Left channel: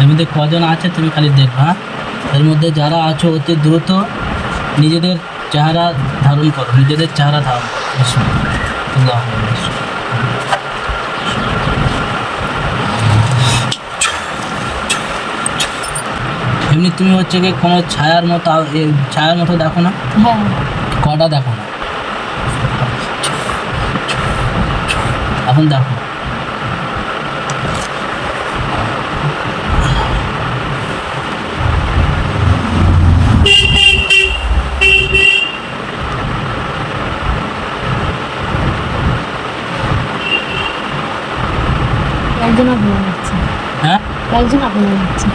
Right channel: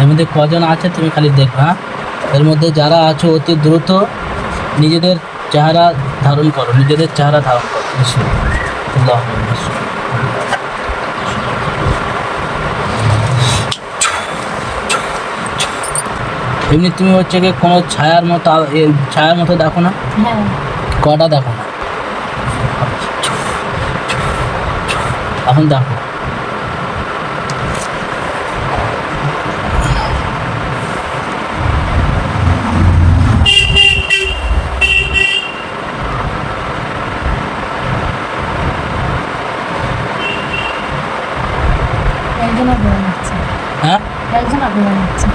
এর মধ্যে কজন আছে তুমি খালি দেখবে, হ্যাঁ? এর মধ্যে যারা আছো অতি দ্রুত নিজেদের চেহারা ধারণ করো, নিজেদের চেহারা ধারণ করো। বিসমিল্লাহ। এমনি তুমি হচ্ছে কি কোনো ছায়ার মতো ছায়ার মতো দেখো না? হ্যাঁ। কটা দেখো না? এখন দেখো। একজনের বোঝা যাচ্ছে। হ্যাঁ, একজনের বোঝা যাচ্ছে।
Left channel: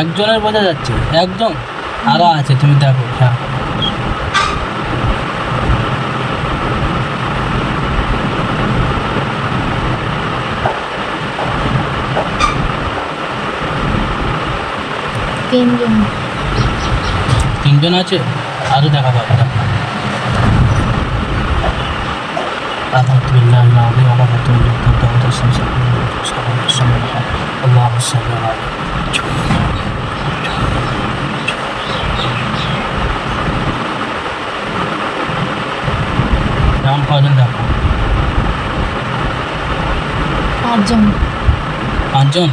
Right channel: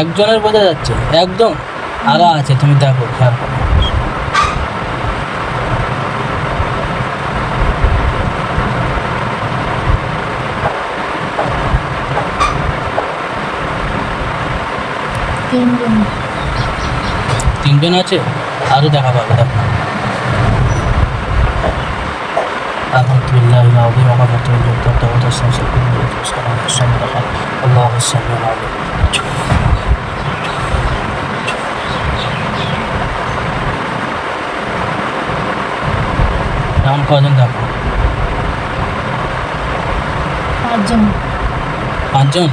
একজনের বোঝা যাচ্ছে, একদম আরো আছে, তুমি দেখো, খেয়াল করো। তিনজন। তিনজন আছে, আরো দেখাবো, দেখো। এখন কজন দেখো? পাঁচজন। পাঁচজন?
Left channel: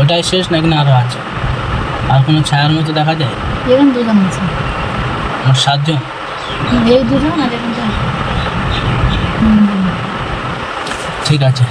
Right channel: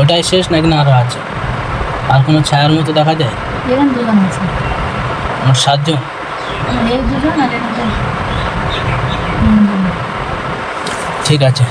ওটাই শেষ নাকি না আরো আছে? আর কোনো ছায়ার মতো দেখা যায়? এখানে দুজন আছে। মোট সাতজন। এই দুজন আর এখানটা। ঠিক আছে।